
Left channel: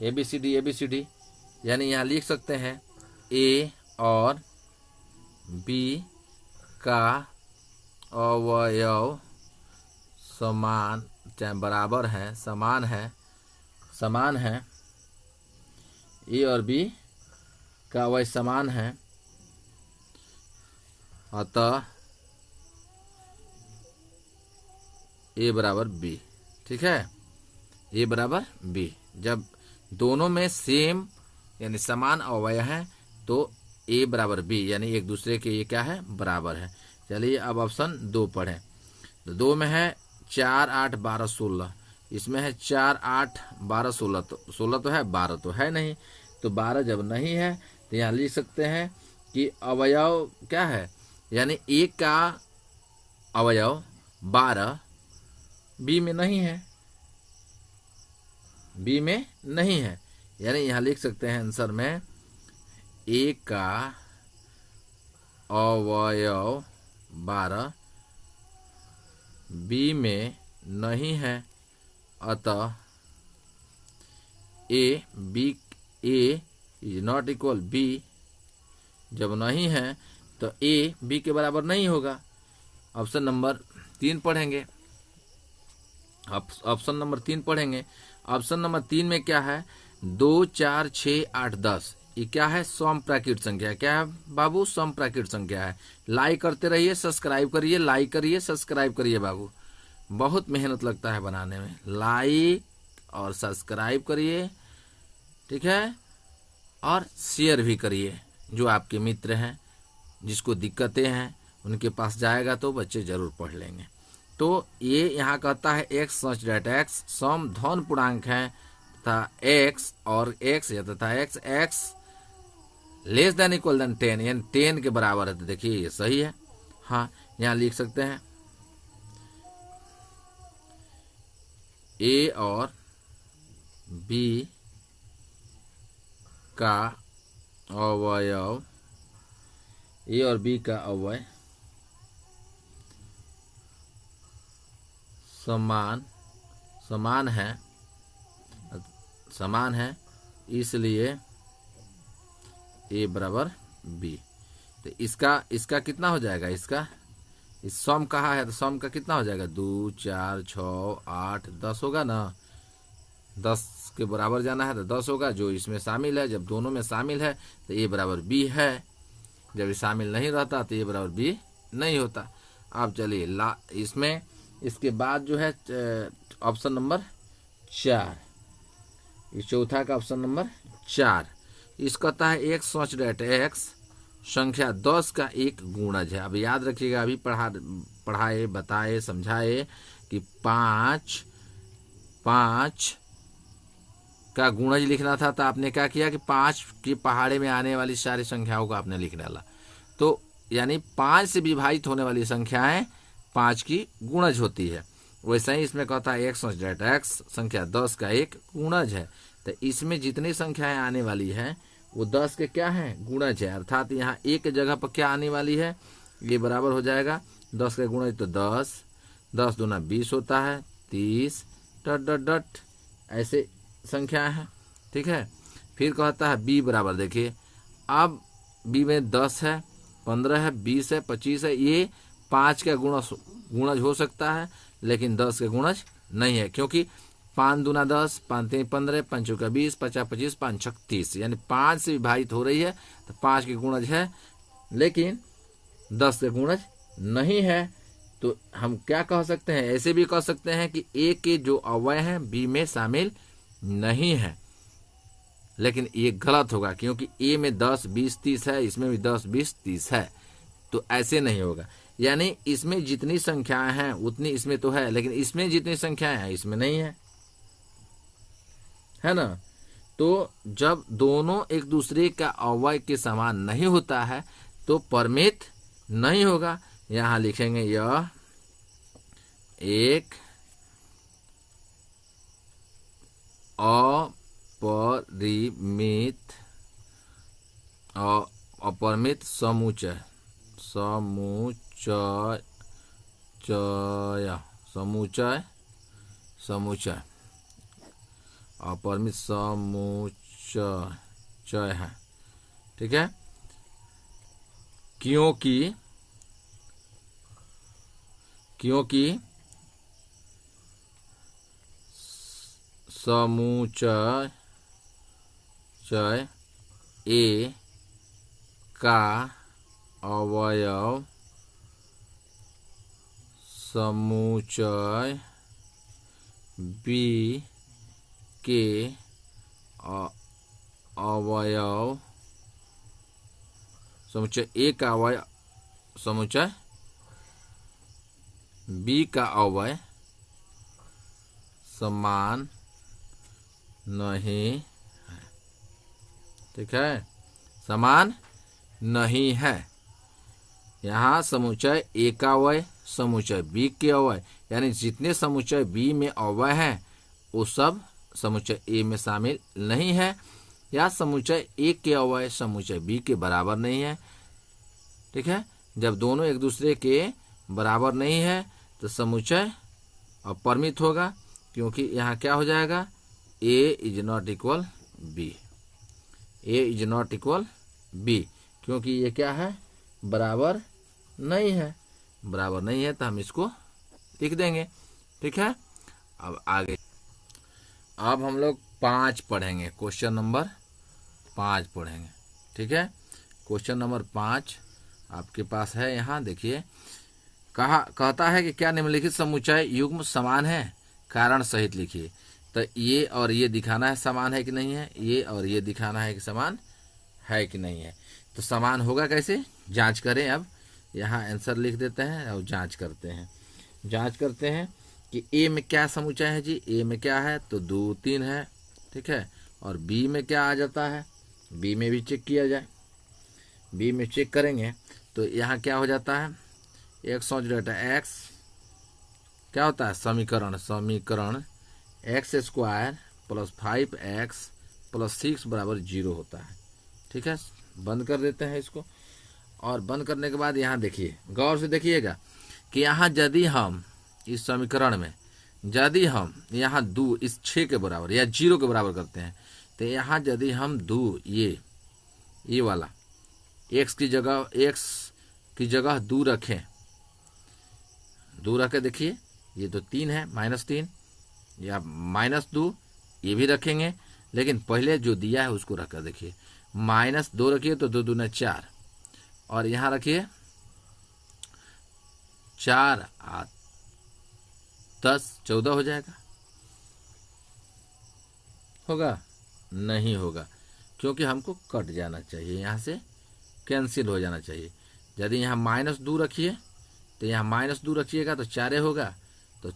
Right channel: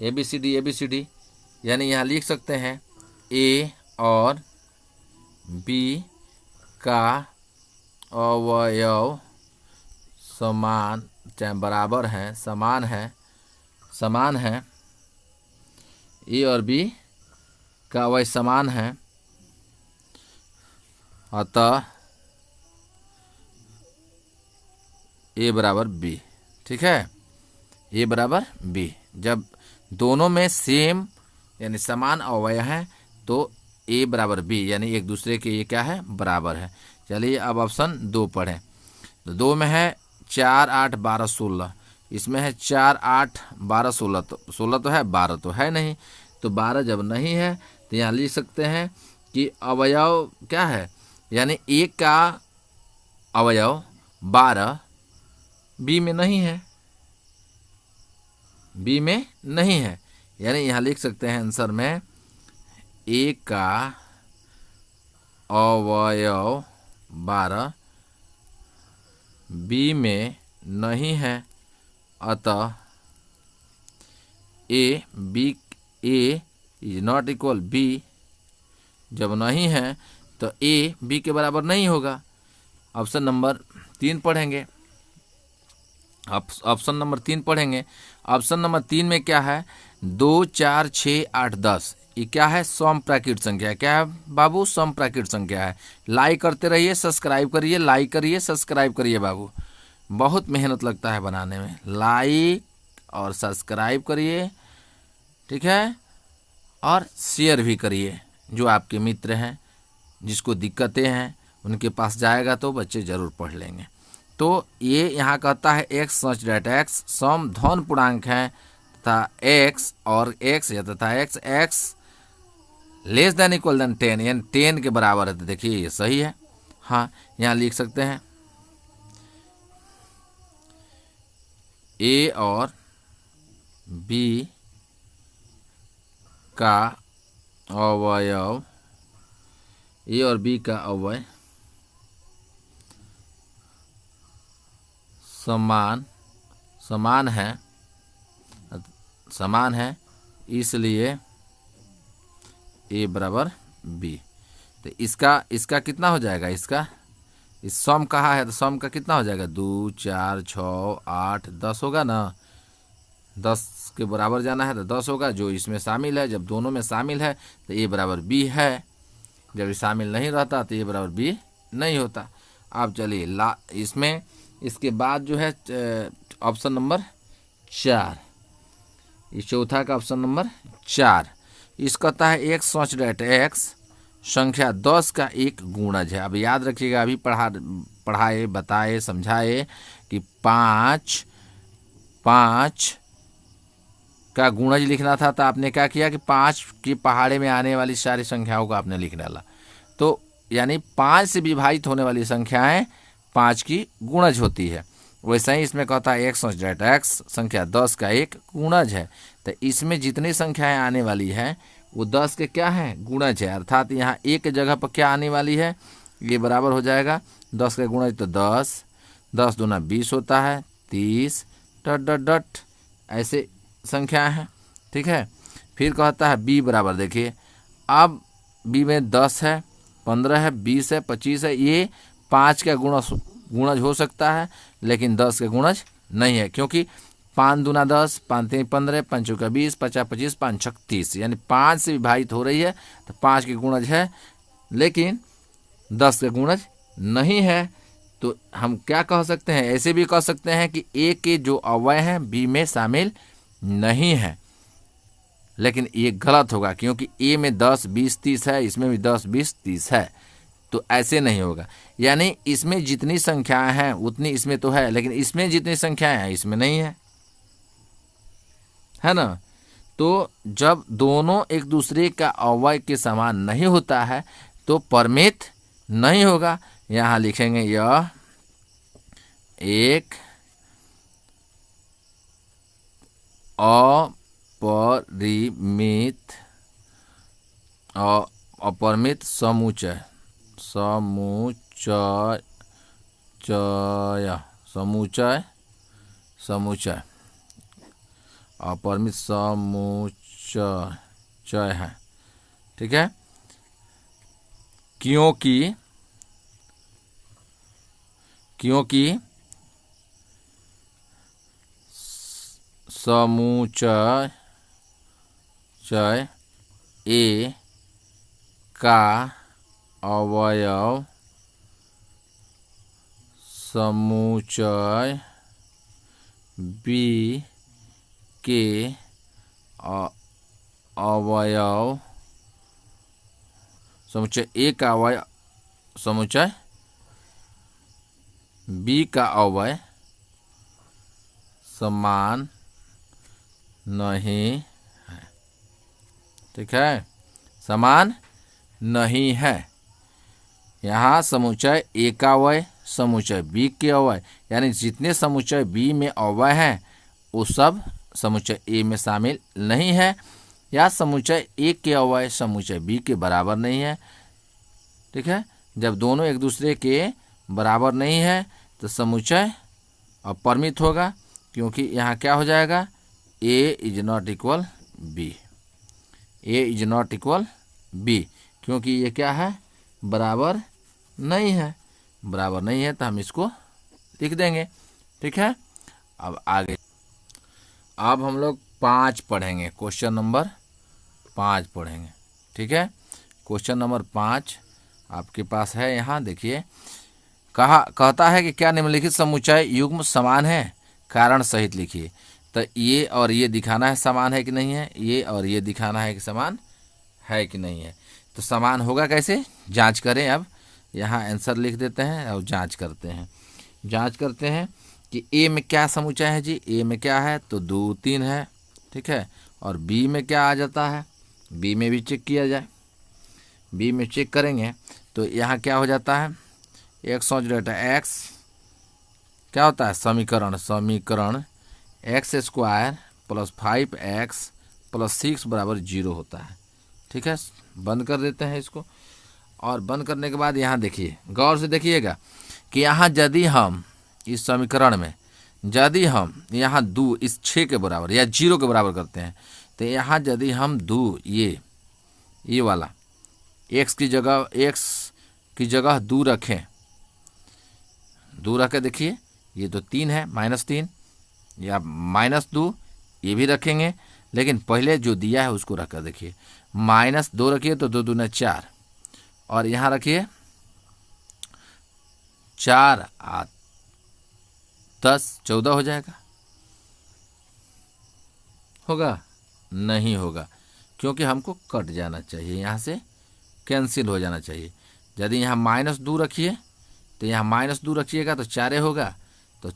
ABCD यानी यहाँ लिख सकते हैं A और B का अवयव समान, चाहे बराबर है, समान है। A और B का अवयव समान है, अतः A बराबर B। ठीक है, A बराबर B। जब दोनों में सेम यानी समान अवयव हैं तो A बराबर B, यानी एक दूसरे के ये क्या है, बराबर है। चलिए अब ऑप्शन 2 पढ़ें। तो 2 में है 4, 8, 12, 16। इसमें है 4, 8, 12, 16, तो 16 तो है, 12 तो है नहीं। तो 12 जब नहीं है तो यहाँ लिख सकते हैं कि अवयव क्या है, यानी A का अवयव 12 B में नहीं है, यानी यहाँ लिख सकते हैं आंसर में A का अवयव 12 B में नहीं है, अतः A is not equal B। जब नहीं है तो A B के बराबर नहीं होगा। ऑप्शन नंबर 3 पढ़ेंगे। ऑप्शन नंबर 3 में क्या है, 2, 4, 6, 8, 10। ये क्या है, समप्राकृत संख्या। क्या है बाबू, समप्राकृत संख्या है। लाइक करते रहिए, सब्सक्राइब करिए, लाइक करिए, सब्सक्राइब करिए बाबू, बहुत मेहनत लगता है बनाने में। लाइक और सब्सक्राइब करिए, ठीक है, और शेयर भी करिए। जो आपके मित्र हैं, जिसको दिक्कतें हैं, उनके पास जाएगा तो बच्चे जरूर पढ़ लेंगे। तो ये यहाँ कहता है x सच डेट x सम धन पूर्णांक है तथा x और x या तथा x less than equal than 10, यानी 10 के बराबर है। तो देखिए ये सही है। हाँ, यहाँ लिख सकते हैं ए और बी का अवयव, ए और बी का अवयव समान है, इसलिए ए बराबर बी। तो इसका कितना हो जाएगा, इस सम कहाँ है तो सम का कितना हो जाएगा, 2 4 6 8 10 होगा ना। 10 के बराबर जाना है तो 10 होगा, जो इसमें शामिल है। जब दोनों में शामिल है तो ए बराबर बी है, जब ये शामिल नहीं रहता तो ए बराबर बी नहीं होता। अब चलिए इसमें इसके बाद जो है ऑप्शन नंबर 4, इस चौथा का ऑप्शन नंबर 4, इस कहता है एक्स सच डेट एक्स संख्या 10 का एक गुणज है। अब याद रखिएगा, अभी पढ़ाए बताए समझाए कि 5 का गुणज लिखना था, तो आपने क्या किया कि 5 की पहाड़े में आने वाली सारी संख्याओं को आपने लिख डाला। तो यानी 5 से विभाजित होने वाली संख्याएं 5 की गुणज होती है। वैसे ही इसमें कहता है एक्स डेट एक्स संख्या 10 का एक गुणज है। तो इसमें जितनी संख्याएं आने वाली है वो 10 के क्या है, गुणज है। अर्थात यहाँ एक जगह पर क्या आने वाली है, ये बराबर हो जाएगा 10 का गुणज, तो 10 दूना 20 होता है, 30 ... ऐसे संख्याएं हैं। ठीक है, फिर कहता है बी बराबर, देखिए अब बी में 10 है, 15 है, 20 है, 25 है, ये 5 का गुणज हो सकता है लेकिन 10 का गुणज नहीं है, क्योंकि 5 दूना 10, 5 3 15, 5 चौका 20, 50 25, 5 छक 30, यानी 5 से विभाजित हो रही है तो 5 के गुणज है लेकिन 10 का गुणज नहीं है। तो हम क्या कह सकते हैं, ऐसे भी कह सकते हैं कि ए के जो अवयव हैं बी में शामिल नहीं है, लेकिन ये गलत होगा क्योंकि ए में 10 20 30 है, इसमें भी 10 20 30 है, तो ऐसे नहीं होगा। यानी इसमें जितनी संख्याएं हैं उतनी इसमें तो है, लेकिन इसमें जितनी संख्याएं हैं इसमें नहीं है ना। तो जब दोनों एक दूसरे का अवयव के समान नहीं होता है तो परमित नहीं होगा। यहां लिखेंगे यह एक अपरिमित समुच्चय अपरिमित समुच्चय है। ठीक है, क्योंकि समुच्चय ए का अवयव समुच्चय बी के अवयव समुच्चय ए का अवयव समुच्चय बी का अवयव समान नहीं है। ठीक है, समान नहीं है। यहाँ समुच्चय ए का अवयव समुच्चय बी के अवयव, यानी जितने समुच्चय बी में अवयव हैं वो सब समुच्चय ए में शामिल नहीं है, या समुच्चय ए के अवयव समुच्चय बी के बराबर नहीं है। ठीक है, जब दोनों एक दूसरे के बराबर नहीं है तो समुच्चय अपरिमित होगा, क्योंकि यहाँ क्या हो जाएगा, A is not equal B, A is not equal B, क्योंकि ये क्या है, बराबर नहीं है। बराबर नहीं है तो हम इसको लिख देंगे। ठीक है, अब आगे अब हम लोग 5 पढ़ेंगे, क्वेश्चन नंबर 5 पढ़ेंगे। ठीक है, क्वेश्चन नंबर 5 आपके पास है। यहाँ देखिए, कहता है कि क्या निम्नलिखित समुच्चय युग्म समान है, कारण सहित लिखिए। तो ये और ये दिखाना है समान है कि नहीं है, ये और ये दिखाना है कि समान है कि नहीं है। तो समान होगा कैसे, जांच करें। अब यहाँ आंसर लिख देते हैं और जांच करते हैं कि ए में क्या समुच्चय है जी। ए में क्या है तो 2 3 है। ठीक है, और बी में क्या आ जाता है, बी में भी चेक किया जाए। बी में चेक करेंगे तो यहाँ क्या हो जाता है, एक्स क्या होता है, समीकरण x square plus 5x plus 6 बराबर 0 होता है। ठीक है, बंद कर देते हैं इसको। और बंद करने के बाद यहाँ देखिए, गौर से देखिएगा कि यहाँ यदि हम इस समीकरण में यदि हम यहाँ दो इस 6 के बराबर या 0 के बराबर करते हैं, तो यहाँ यदि हम दो ये वाला x की जगह 2 रखें, 2 रख के देखिए, ये तो 3 है, -3 या -2 ये भी रखेंगे, लेकिन पहले जो दिया है उसको रख कर देखिए, -2 रखिए तो 2 दूना 4, और यहाँ रखिए 4 10 14 हो जाएगा। होगा? नहीं होगा, क्योंकि हमको कट जाना चाहिए, यहाँ से कैंसिल हो जाना चाहिए। यदि यहाँ -2 रखिए तो यहाँ -2 रखिएगा तो 4 होगा, तो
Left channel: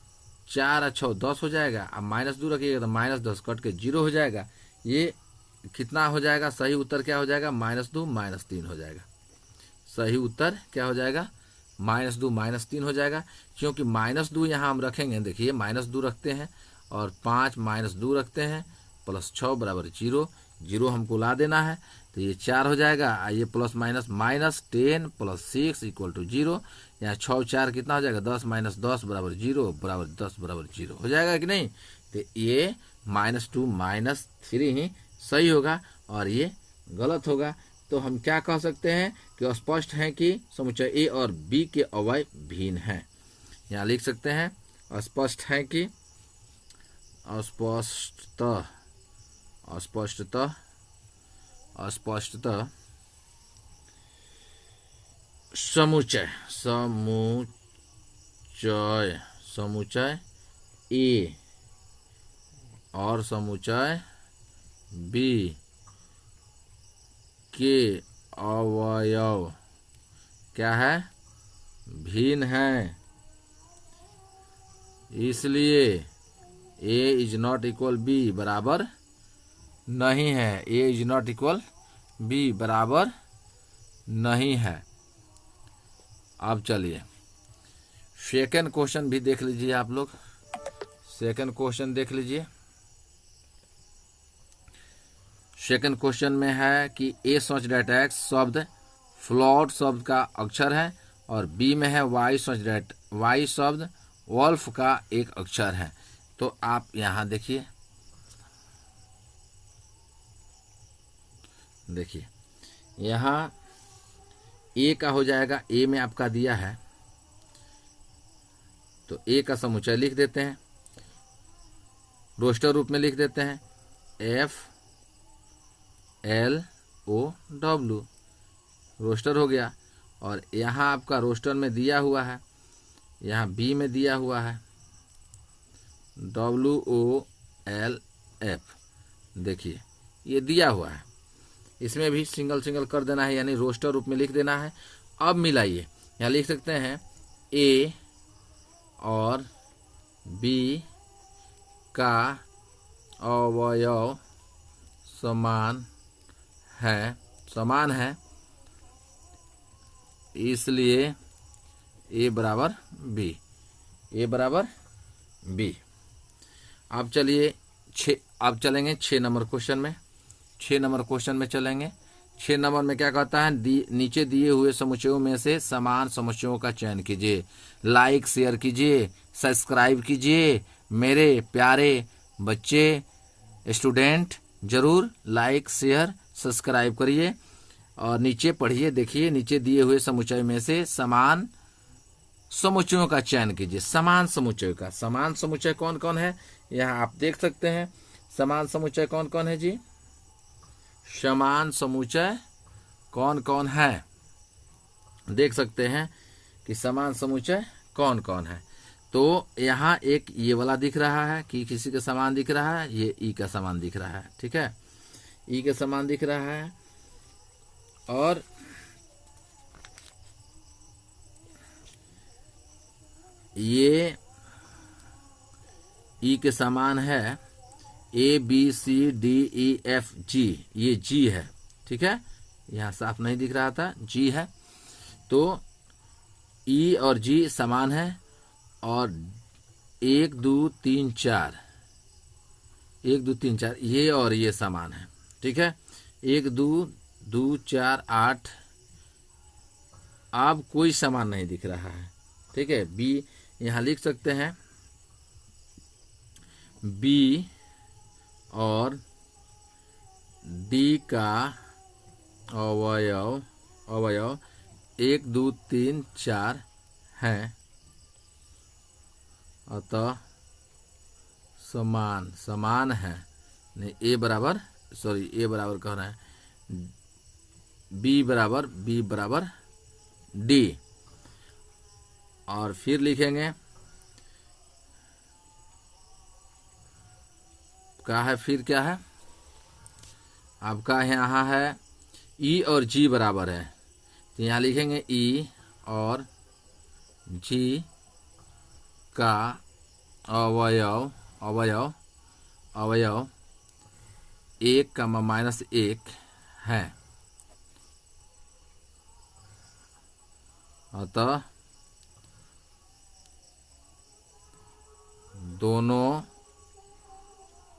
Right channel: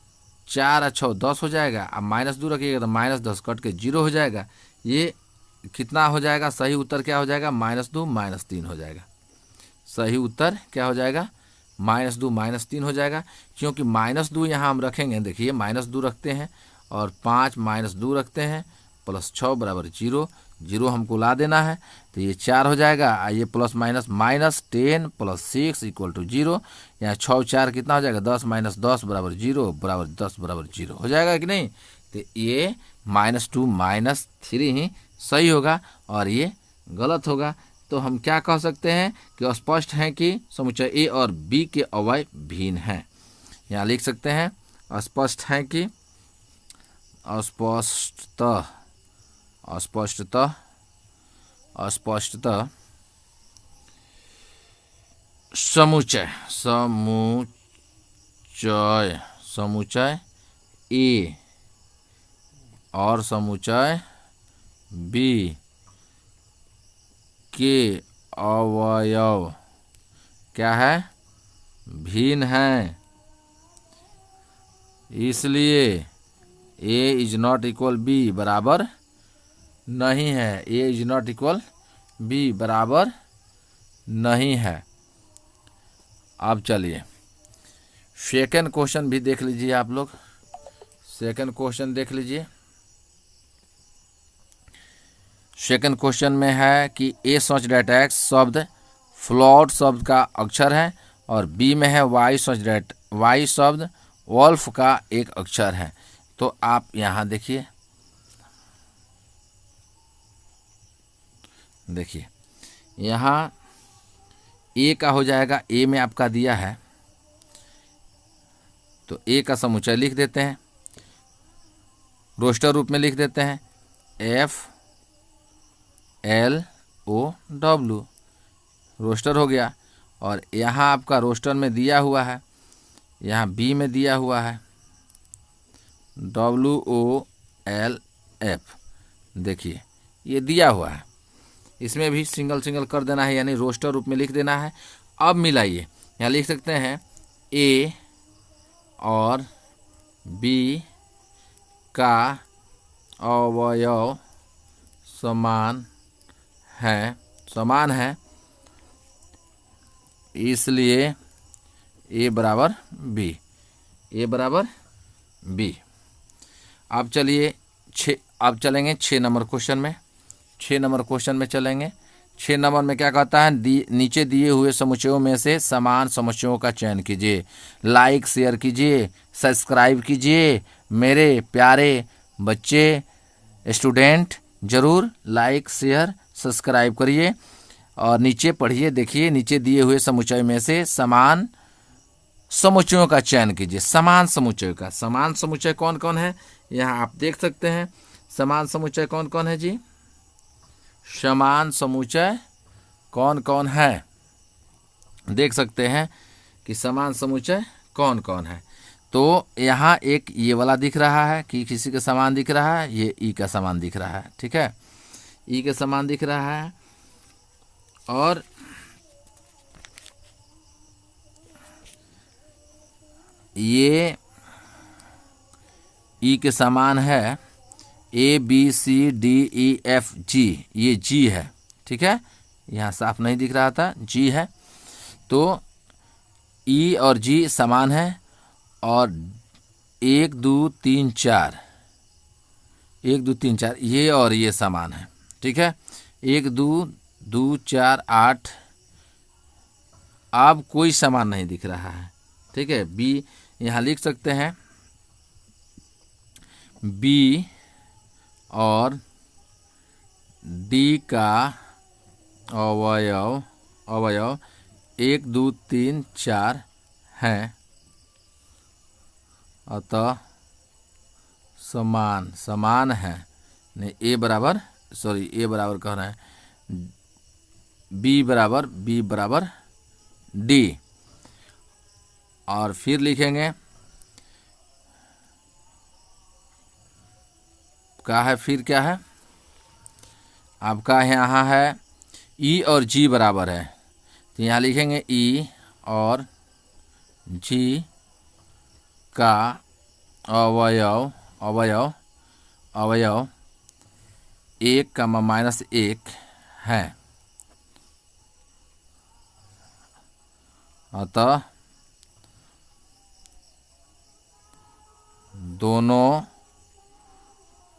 4 और 6 10 हो जाएगा। अब -2 रखिएगा तो -10 कट के 0 हो जाएगा। ये कितना हो जाएगा? सही उत्तर क्या हो जाएगा? -2 -3 हो जाएगा। सही उत्तर क्या हो जाएगा? -2 -3 हो जाएगा, क्योंकि -2 यहाँ हम रखेंगे। देखिए, -2 रखते हैं और 5 -2 रखते हैं, प्लस 6 बराबर 0, 0 हमको ला देना है, तो ये 4 हो जाएगा। ये plus minus -10 plus 6 equal to 0। यहाँ 6 4 कितना हो जाएगा? 10 -10 बराबर 0 बराबर 10 बराबर 0 हो जाएगा कि नहीं? तो ये -2 -3 ही सही होगा और ये गलत होगा। तो हम क्या कह सकते हैं कि स्पष्ट है कि समुच्चय ए और बी के अवयव भिन्न हैं। यहाँ लिख सकते हैं स्पष्ट है कि अस्पष्टतः समुच्चय ए और समुच्चय बी के अवयव क्या है? भिन्न हैं। इसलिए ए इज नॉट इक्वल बी बराबर नहीं है। ए इज नॉट इक्वल बी बराबर नहीं है। अब चलिए सेकंड क्वेश्चन भी देख लीजिए आप लोग। सेकंड क्वेश्चन देख लीजिए। सेकंड क्वेश्चन में है कि ए सच डेट एक्स शब्द फ्लॉट शब्द का अक्षर है और बी में है वाई सच डेट वाई शब्द वॉल्फ का एक अक्षर है। तो आप यहाँ देखिए, यहाँ ए का हो जाएगा, ए में आपका दिया है तो ए का समुच्चय लिख देते हैं, रोस्टर रूप में लिख देते हैं FLOW, रोस्टर हो गया। और यहाँ आपका रोस्टर में दिया हुआ है, यहाँ बी में दिया हुआ है WOLF। देखिए ये दिया हुआ है, इसमें भी सिंगल सिंगल कर देना है, यानी रोस्टर रूप में लिख देना है। अब मिलाइए, यहाँ लिख सकते हैं ए और बी का अवयव समान है, इसलिए ए बराबर बी। अब चलिए अब चलेंगे 6 नंबर क्वेश्चन में। 6 नंबर क्वेश्चन में चलेंगे। 6 नंबर में क्या कहता है? नीचे दिए हुए समुच्चयों में से समान समुच्चयों का चयन कीजिए। लाइक शेयर कीजिए, सब्सक्राइब कीजिए। मेरे प्यारे बच्चे स्टूडेंट जरूर लाइक शेयर सब्सक्राइब करिए और नीचे पढ़िए। देखिए, नीचे दिए हुए समुच्चय में से समान समुच्चयों का चयन कीजिए। समान समुच्चय कौन कौन है? यहाँ आप देख सकते हैं समान समुच्चय कौन कौन है जी। समान समुच्चय कौन कौन है, देख सकते हैं कि समान समुच्चय कौन कौन है। तो यहाँ एक ये वाला दिख रहा है कि किसी के समान दिख रहा है, ये ई का समान दिख रहा है। ठीक है, ई के समान दिख रहा है। और ये ई के समान है ABCDEFG, ये जी है। ठीक है, यहाँ साफ नहीं दिख रहा था, जी है। तो ई और जी समान है और 1 2 3 4 1 2 3 4 ये और ये समान है, ठीक है। 1 2 2 4 8, अब कोई समान नहीं दिख रहा है, ठीक है। बी यहाँ लिख सकते हैं, बी और डी का अवयव 1 2 3 4 है, अतः समान है। नहीं, ए बराबर कह रहे हैं, बी बराबर डी। और फिर लिखेंगे क्या है आपका, यहाँ है ई और जी बराबर है, तो यहाँ लिखेंगे ई और जी का अवयव 1, -1 है, अतः दोनों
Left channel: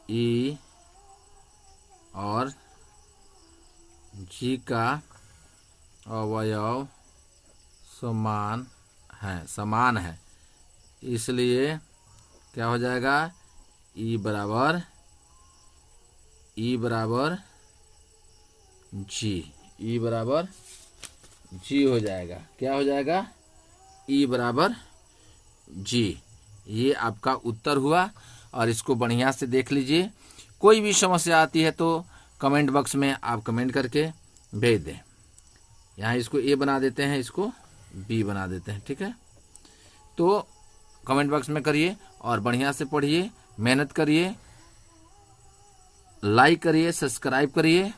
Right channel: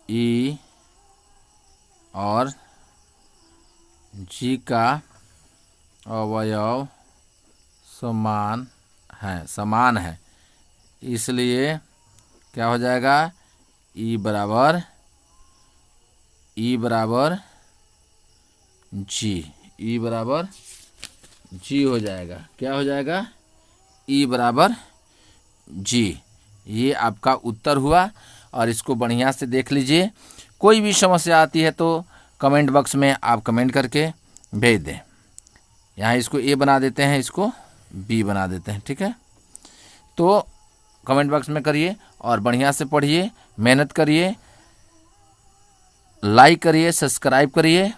ई और जी का अवयव समान है, इसलिए क्या हो जाएगा, ई बराबर जी हो जाएगा। क्या हो जाएगा, ई बराबर जी। ये आपका उत्तर हुआ, और इसको बढ़िया से देख लीजिए। कोई भी समस्या आती है तो कमेंट बॉक्स में आप कमेंट करके भेज दें। यहाँ इसको ए बना देते हैं, इसको बी बना देते हैं, ठीक है। तो कमेंट बॉक्स में करिए और बढ़िया से पढ़िए, मेहनत करिए, लाइक करिए, सब्सक्राइब करिए।